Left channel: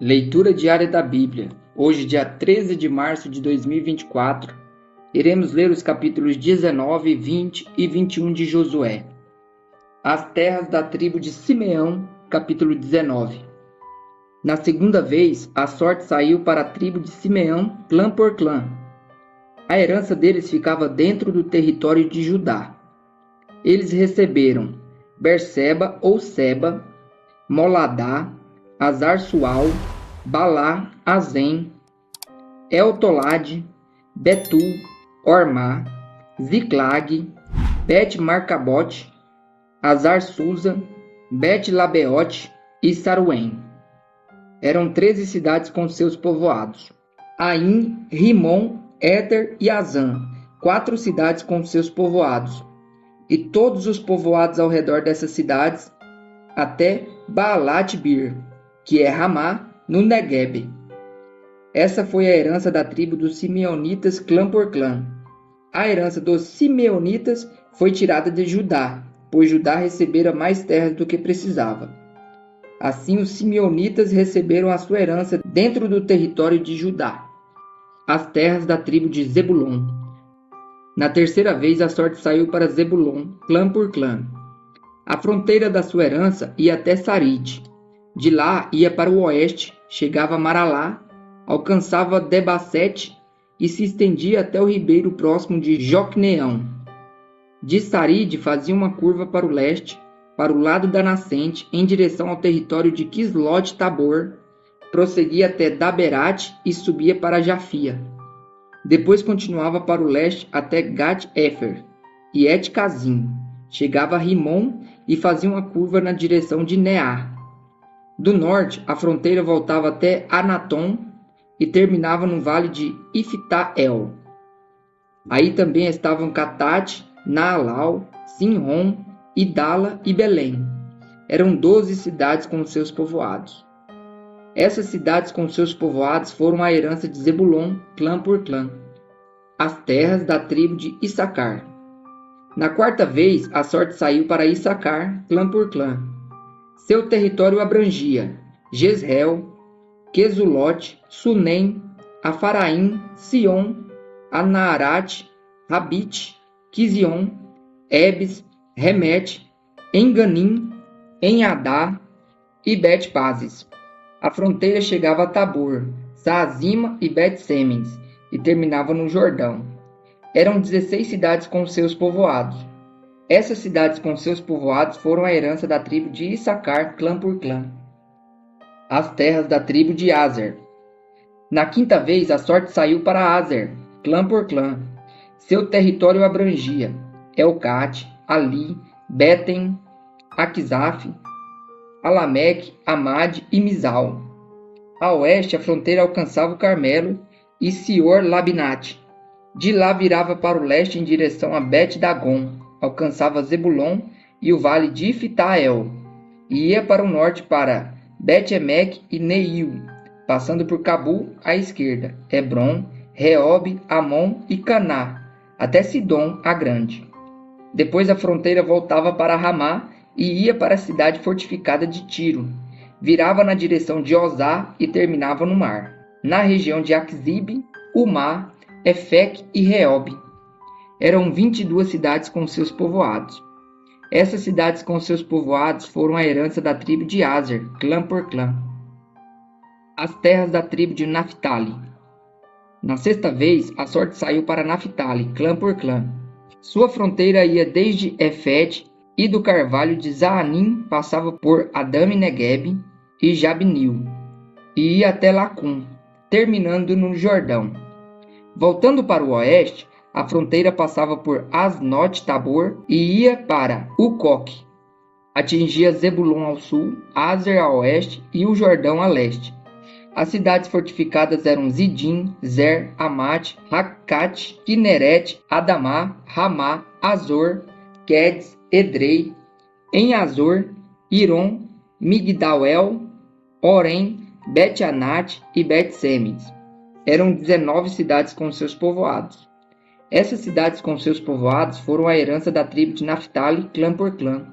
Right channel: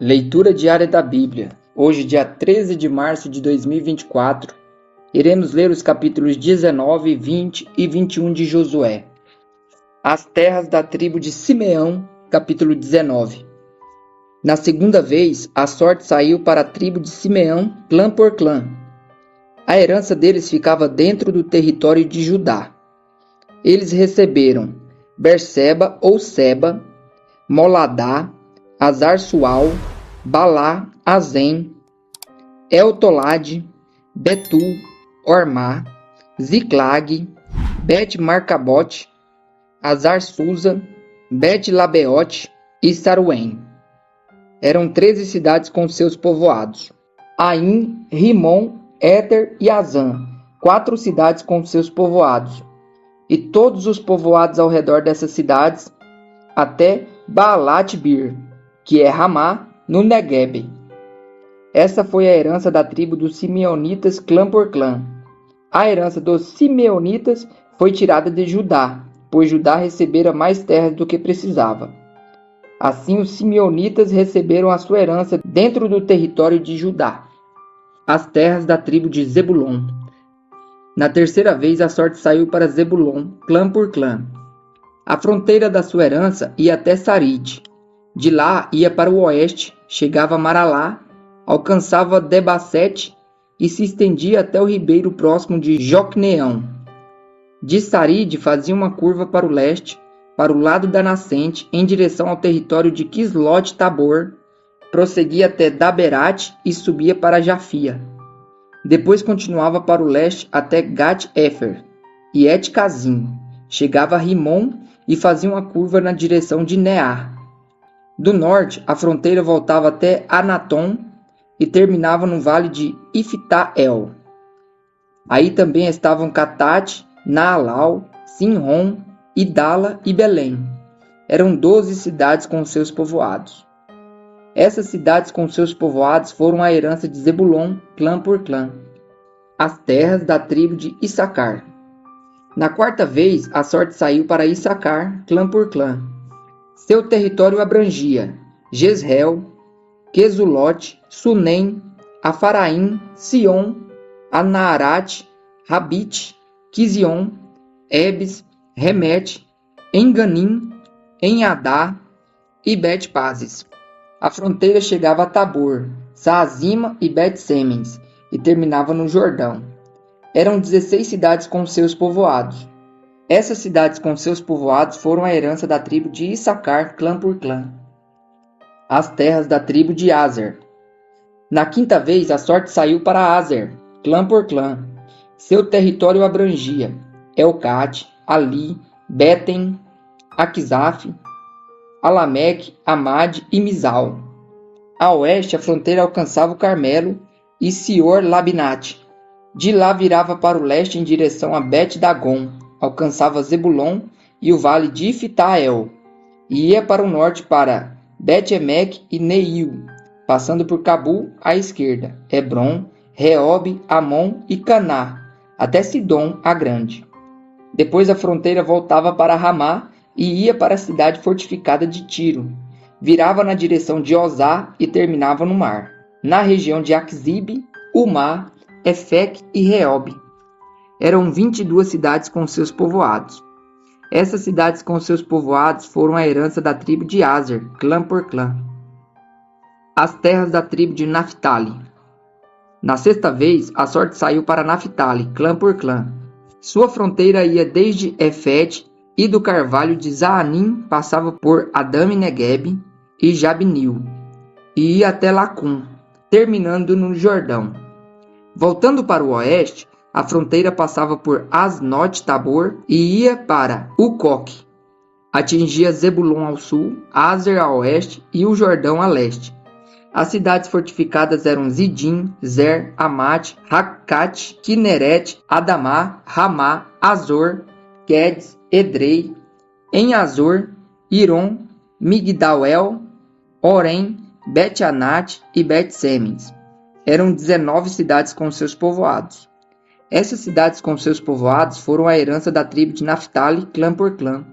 Leitura diária da Bíblia. Hoje, dia 13 de março de 2024, iremos ler os capítulos 19, 20 e 21 de Josué. As terras da tribo de Simeão, capítulo 19. Na segunda vez, a sorte saiu para a tribo de Simeão, clã por clã. A herança deles ficava dentro do território de Judá. Eles receberam Berseba ou Seba, Moladá, Azar-Sual, Balá, Azem, Eltolade, Betul, Ormá, Ziclag, Bet-Marcabote, Azar-Susa, Bet-Labeote e Saruém. Eram 13 cidades com seus povoados. Aim, Rimon, Éter e Azã, 4 cidades com seus povoados. E todos os povoados ao redor dessas cidades, até Baalat-Bir, que é Ramá, no Neguebe. Essa foi a herança da tribo dos Simeonitas clã por clã. A herança dos Simeonitas foi tirada de Judá, pois Judá recebera mais terras do que precisava. Assim, os Simeonitas receberam a sua herança dentro do território de Judá, as terras da tribo de Zebulon. Na terceira vez, a sorte saiu para Zebulon, clã por clã. A fronteira da sua herança ia até Saride. De lá ia para o oeste, chegava a Maralá, alcançava Debacete e se estendia até o ribeiro próximo de Jocneão. De Saride fazia uma curva para o leste, para o lado da nascente, em direção ao território de Quislot-Tabor, prosseguia até Daberat e subia para Jafia. Depois continuava para o leste até Gat-Efer e Et-Cazim, chegava a Rimon e fazia uma curva na direção de Neá. Do norte, a fronteira voltava até Anatom e terminava no vale de Ifta-El. Aí também estavam Catate, Naalau, Sinrom, Idala e Belém. Eram 12 cidades com seus povoados. Essas cidades com seus povoados foram a herança de Zebulon, clã por clã, as terras da tribo de Issacar. Na quarta vez, a sorte saiu para Issacar, clã por clã. Seu território abrangia Jezreel, Quesulote, Sunem, Afaraim, Sion, Anaarat, Rabite, Quizion, Ebes, Remete, Enganim, Enhadá e Bet-Pazes. A fronteira chegava a Tabor, Saazima e Bet-Semens e terminava no Jordão. Eram 16 cidades com seus povoados. Essas cidades com seus povoados foram a herança da tribo de Issacar, clã por clã. As terras da tribo de Azer. Na quinta vez, a sorte saiu para Azer, clã por clã. Seu território abrangia Elcate, Ali, Betem, Aquizaf, Alameque, Amade e Mizal. A oeste, a fronteira alcançava o Carmelo e Sior-Labinate. De lá virava para o leste em direção a Bet-Dagon, alcançava Zebulon e o vale de Ifta-El, e ia para o norte para Bet-Emek e Neil, passando por Cabul à esquerda, Hebron, Reob, Amon e Caná, até Sidom a Grande. Depois a fronteira voltava para Ramá e ia para a cidade fortificada de Tiro, virava na direção de Ozá e terminava no mar, na região de Aczib, Umá, Efec e Reob. Eram 22 cidades com seus povoados. Essas cidades com seus povoados foram a herança da tribo de Azer, clã por clã. As terras da tribo de Naphtali. Na sexta vez, a sorte saiu para Naphtali, clã por clã. Sua fronteira ia desde Efete e do carvalho de Zaanim passava por Adame Negueb e Jabnil, e ia até Lacum, terminando no Jordão. Voltando para o oeste, a fronteira passava por Asnot-Tabor e ia para Ucoque. Atingia Zebulon ao sul, Azer a oeste e o Jordão a leste. As cidades fortificadas eram Zidim, Zer, Amate, Rakate, Kineret, Adamá, Ramá, Azor, Quedes, Edrei, Em-Azor, Iron, Migdal-El, Orem, Bet-Anat e Bet-Semens. Eram 19 cidades com seus povoados. Essas cidades com seus povoados foram a herança da tribo de Naphtali, clã por clã.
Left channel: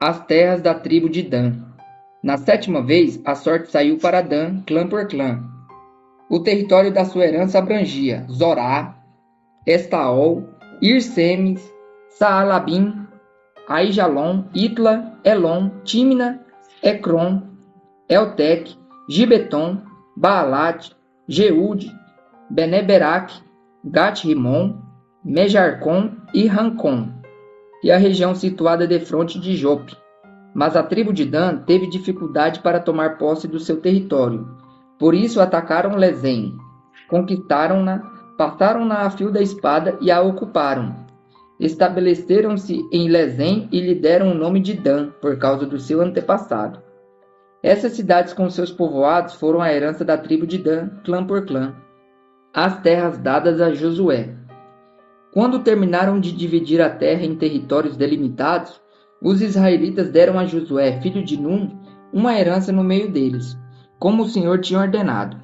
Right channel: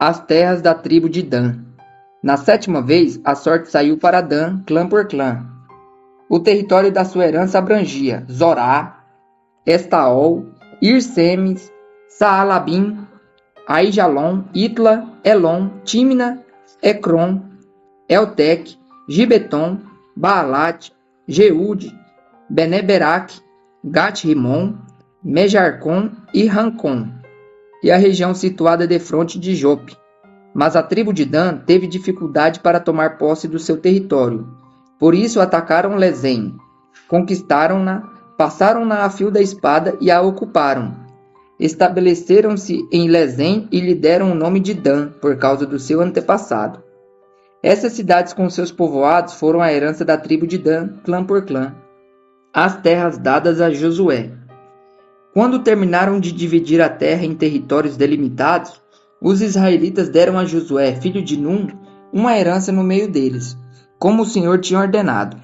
As terras da tribo de Dan. Na 7ª vez, a sorte saiu para Dan, clã por clã. O território da sua herança abrangia Zorá, Estaol, Irsemes, Saalabim, Aijalon, Itla, Elon, Tímina, Ecrom, Eltec, Gibeton, Baalat, Jeude, Beneberac, Gat-Rimon, Mejarcom e Rancom, e a região situada defronte de Jope. Mas a tribo de Dan teve dificuldade para tomar posse do seu território. Por isso atacaram Lezém, conquistaram-na, passaram-na a fio da espada e a ocuparam. Estabeleceram-se em Lezém e lhe deram o nome de Dan, por causa do seu antepassado. Essas cidades com seus povoados foram a herança da tribo de Dan, clã por clã. As terras dadas a Josué. Quando terminaram de dividir a terra em territórios delimitados, os israelitas deram a Josué, filho de Num, uma herança no meio deles, como o Senhor tinha ordenado.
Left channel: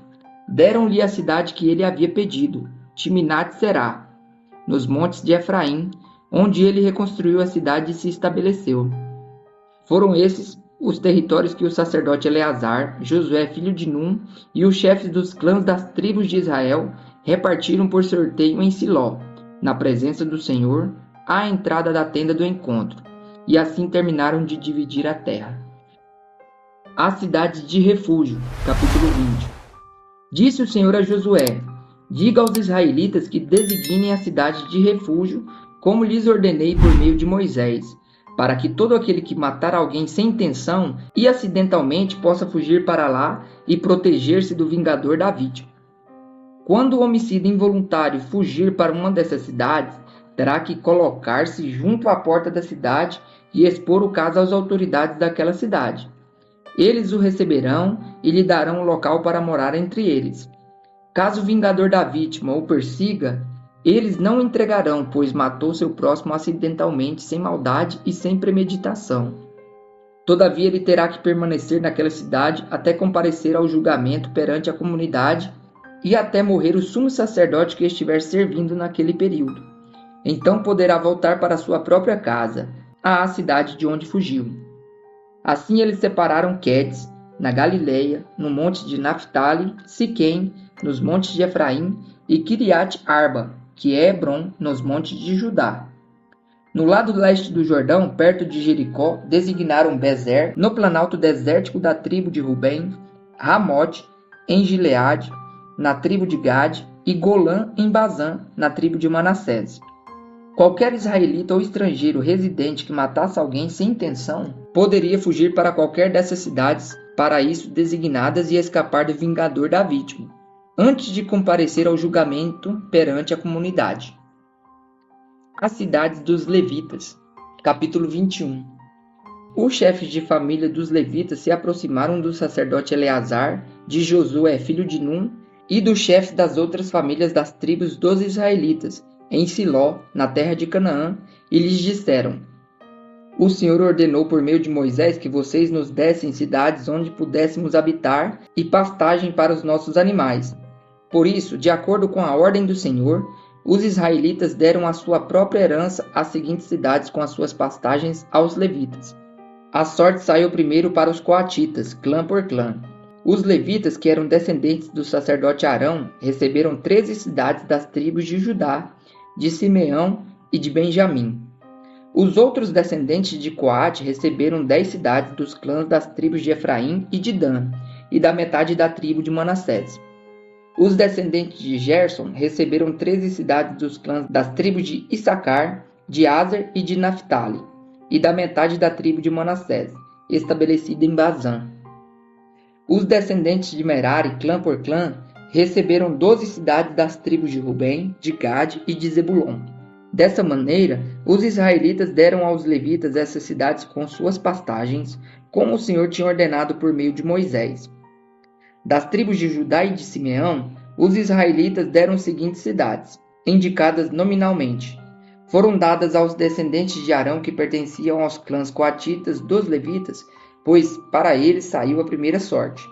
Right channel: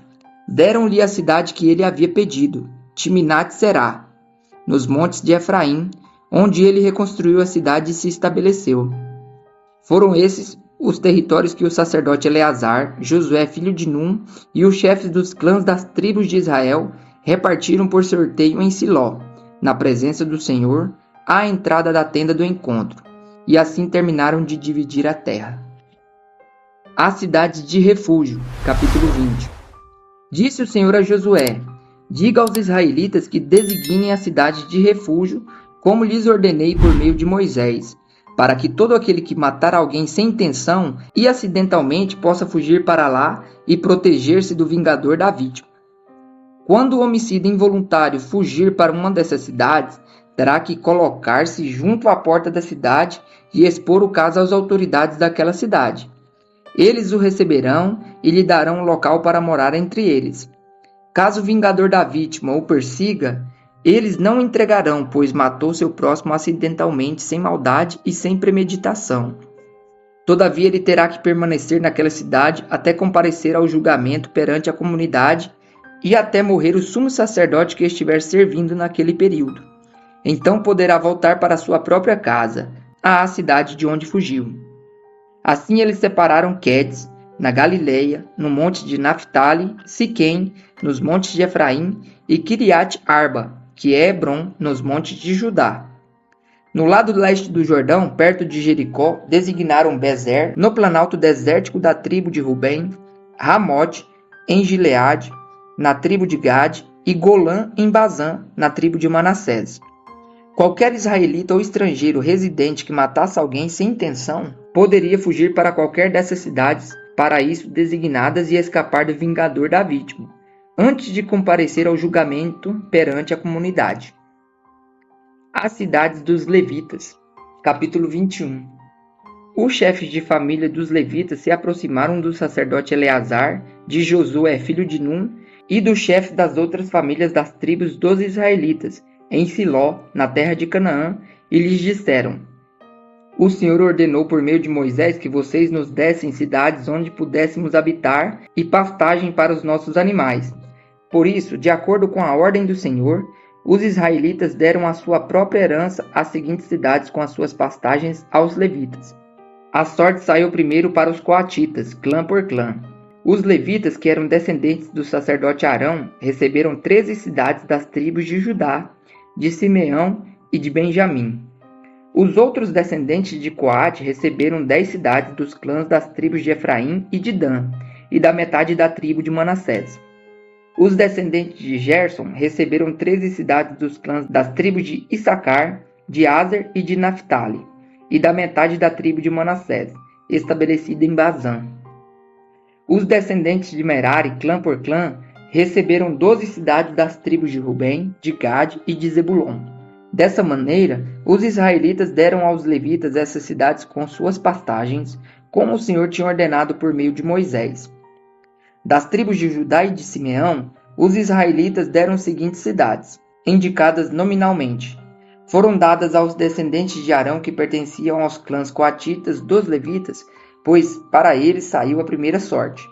Deram-lhe a cidade que ele havia pedido, Timnat-Será, nos montes de Efraim, onde ele reconstruiu a cidade e se estabeleceu. Foram esses os territórios que o sacerdote Eleazar, Josué, filho de Num, e os chefes dos clãs das tribos de Israel repartiram por sorteio em Siló, na presença do Senhor, à entrada da tenda do encontro, e assim terminaram de dividir a terra. As cidades de refúgio, capítulo 20. Disse o Senhor a Josué: diga aos israelitas que designem a cidade de refúgio, como lhes ordenei por meio de Moisés, para que todo aquele que matar alguém sem intenção e acidentalmente possa fugir para lá e proteger-se do vingador da vítima. Quando o homicida involuntário fugir para uma dessas cidades, terá que colocar-se junto à porta da cidade e expor o caso às autoridades daquela cidade. Eles o receberão e lhe darão um local para morar entre eles. Caso o vingador da vítima o persiga, eles não o entregarão, pois matou seu próximo acidentalmente, sem maldade e sem premeditação. Todavia ele terá que permanecer naquela cidade até comparecer ao julgamento perante a comunidade e até morrer o sumo sacerdote que estiver servindo naquele período. Então poderá voltar para sua própria casa, à cidade de onde fugiu. Assim eles separaram Quedes, na Galileia, no monte de Naphtali, Siquém, nos montes de Efraim, e Quiriat-Arba, que é Hebron, nos montes de Judá. No lado leste do Jordão, perto de Jericó, designaram Bezer, no planalto desértico da tribo de Rubem, Ramote, em Gileade, na tribo de Gade, e Golã, em Bazã, na tribo de Manassés. Qualquer israelita ou estrangeiro residente que matasse alguém sem intenção poderia fugir para qualquer dessas cidades para isso designadas e escapar do vingador da vítima, antes de comparecer ao julgamento perante a comunidade. As cidades dos levitas, capítulo 21. Os chefes de família dos levitas se aproximaram do sacerdote Eleazar, de Josué, filho de Num, e dos chefes das outras famílias das tribos dos israelitas, em Siló, na terra de Canaã, e lhes disseram: o Senhor ordenou por meio de Moisés que vocês nos dessem cidades onde pudéssemos habitar e pastagem para os nossos animais. Por isso, de acordo com a ordem do Senhor, os israelitas deram a sua própria herança às seguintes cidades com as suas pastagens aos levitas. A sorte saiu primeiro para os coatitas, clã por clã. Os levitas, que eram descendentes do sacerdote Arão, receberam 13 cidades das tribos de Judá, de Simeão e de Benjamim. Os outros descendentes de Coate receberam 10 cidades dos clãs das tribos de Efraim e de Dan, e da metade da tribo de Manassés. Os descendentes de Gerson receberam 13 cidades dos clãs das tribos de Issacar, de Aser e de Naphtali, e da metade da tribo de Manassés, estabelecida em Bazã. Os descendentes de Merari, clã por clã, receberam 12 cidades das tribos de Rubem, de Gade e de Zebulon. Dessa maneira, os israelitas deram aos levitas essas cidades com suas pastagens, como o Senhor tinha ordenado por meio de Moisés. Das tribos de Judá e de Simeão, os israelitas deram as seguintes cidades, indicadas nominalmente. Foram dadas aos descendentes de Arão que pertenciam aos clãs coatitas dos levitas, pois para eles saiu a primeira sorte.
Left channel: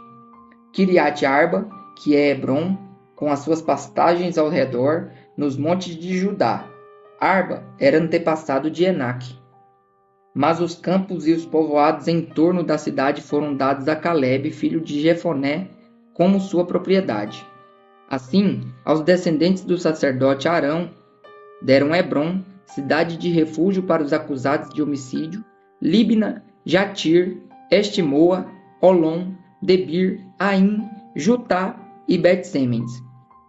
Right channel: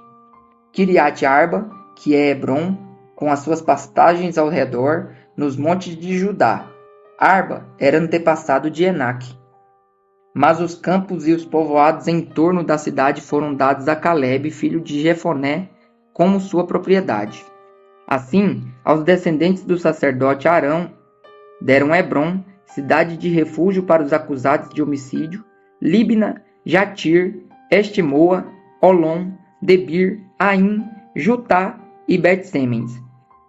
Quiriat-Arba, que é Hebron, com as suas pastagens ao redor, nos montes de Judá. Arba era antepassado de Enaque. Mas os campos e os povoados em torno da cidade foram dados a Calebe, filho de Jefoné, como sua propriedade. Assim, aos descendentes do sacerdote Arão deram Hebrom, cidade de refúgio para os acusados de homicídio, Líbna, Jatir, Estimoa, Olom, Debir, Aim, Jutá e Bet-Semes,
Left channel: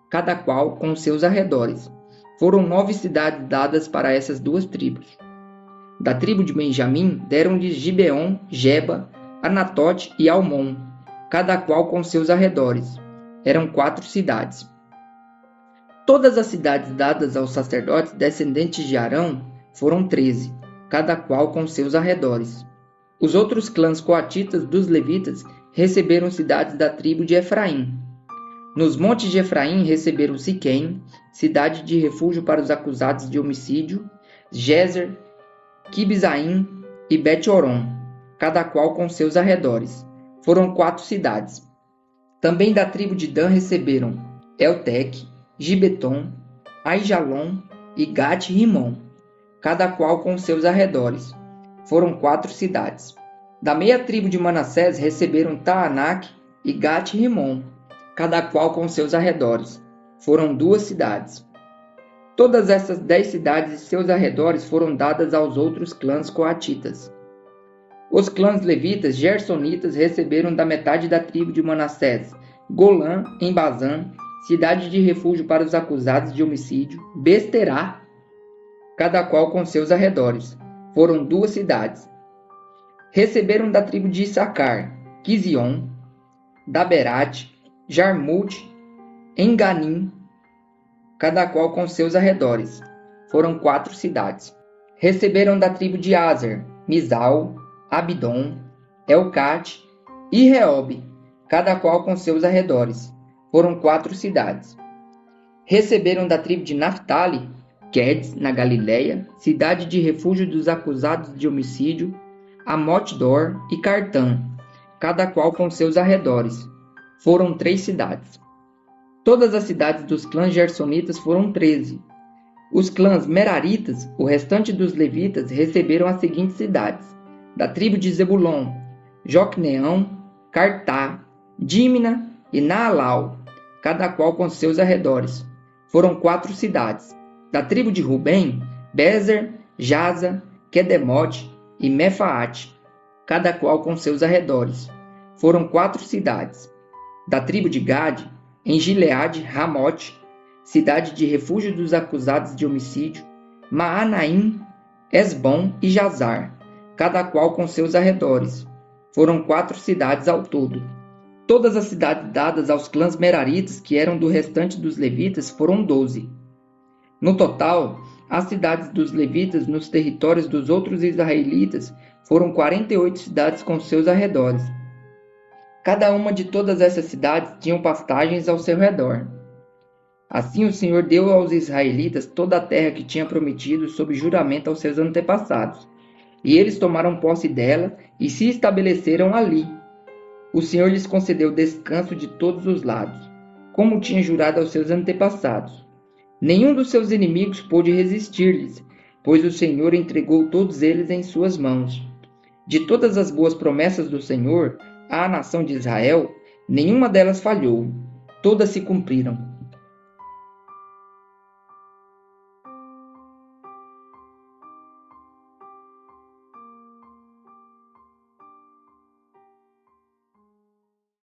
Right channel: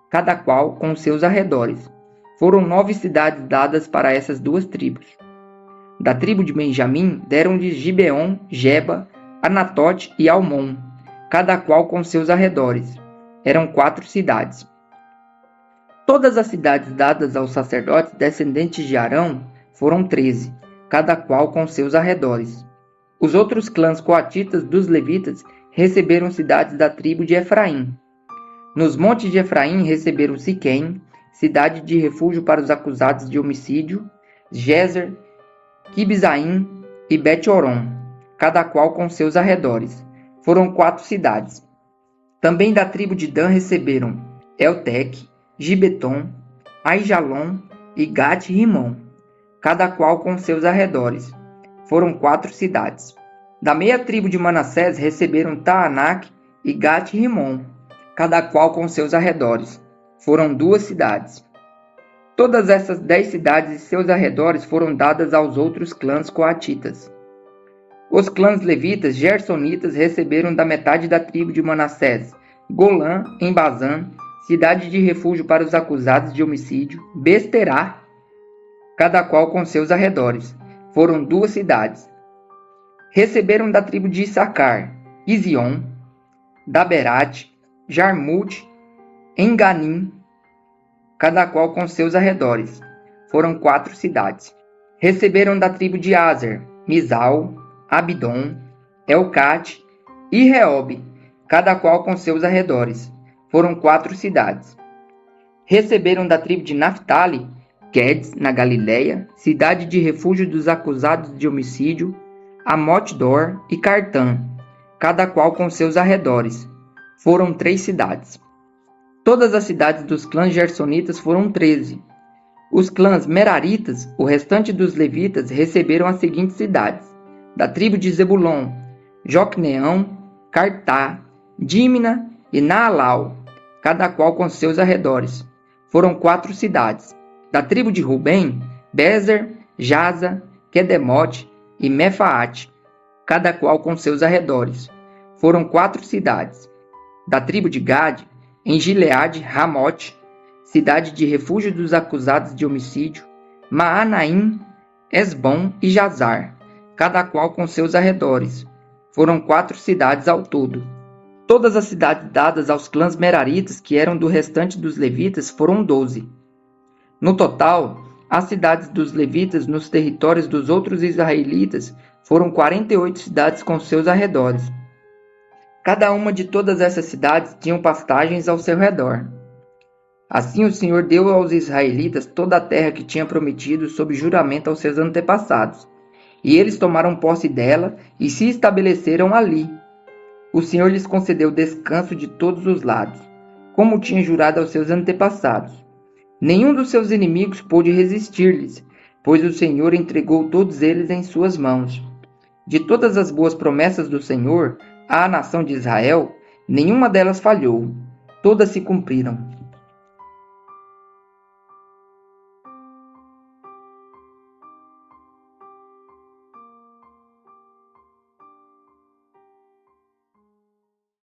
cada qual com seus arredores. Foram 9 cidades dadas para essas duas tribos. Da tribo de Benjamim deram-lhes Gibeon, Geba, Anatote e Almon, cada qual com seus arredores. Eram 4 cidades. Todas as cidades dadas aos sacerdotes descendentes de Arão foram 13, cada qual com seus arredores. Os outros clãs coatitas dos levitas receberam cidades da tribo de Efraim. Nos montes de Efraim receberam Siquém, cidade de refúgio para os acusados de homicídio, Gezer, Quibzaim e Bet-Horon, cada qual com seus arredores. Foram 4 cidades. Também da tribo de Dan receberam Elteque, Gibeton, Aijalon e Gat-Rimon, cada qual com seus arredores. Foram 4 cidades. Da meia tribo de Manassés receberam Taanac e Gat-Rimon, cada qual com seus arredores. Foram 2 cidades. Todas essas 10 cidades e seus arredores foram dadas aos outros clãs coatitas. Os clãs levitas gersonitas receberam da metade da tribo de Manassés Golã, em Bazã, cidade de refúgio para os acusados de homicídio, Besterá, cada qual com seus arredores. Foram 2 cidades. Receberam da tribo de Issacar Quizion, Daberate, Jarmute, Enganim, cada qual com seus arredores. Foram 4 cidades. Receberam da tribo de Aser Mizal, Abidom, Elcate e Reob, cada qual com seus arredores. Foram 4 cidades. Receberam da tribo de Naphtali, Quedes, na Galileia, cidade de refúgio dos acusados de homicídio, Amot-Dor e Cartã, cada qual com seus arredores. Foram 3 cidades. Todas as cidades dos clãs gersonitas foram 13. Os clãs meraritas, o restante dos levitas, receberam as seguintes cidades. Da tribo de Zebulon, Jocneão, Cartá, Dímina e Naalau, cada qual com seus arredores. Foram 4 cidades. Da tribo de Rubem, Bezer, Jaza, Quedemote e Mefaate, cada qual com seus arredores. Foram 4 cidades. Da tribo de Gade, em Gileade, Ramote, cidade de refúgio dos acusados de homicídio, Maanaim, Esbom e Jazar, cada qual com seus arredores. Foram 4 cidades ao todo. Todas as cidades dadas aos clãs meraritas, que eram do restante dos levitas, foram 12. No total, as cidades dos levitas nos territórios dos outros israelitas foram 48 cidades com seus arredores. Cada uma de todas essas cidades tinham pastagens ao seu redor. Assim o Senhor deu aos israelitas toda a terra que tinha prometido sob juramento aos seus antepassados, e eles tomaram posse dela e se estabeleceram ali. O Senhor lhes concedeu descanso de todos os lados, como tinha jurado aos seus antepassados. Nenhum dos seus inimigos pôde resistir-lhes, pois o Senhor entregou todos eles em suas mãos. De todas as boas promessas do Senhor à nação de Israel, nenhuma delas falhou, todas se cumpriram.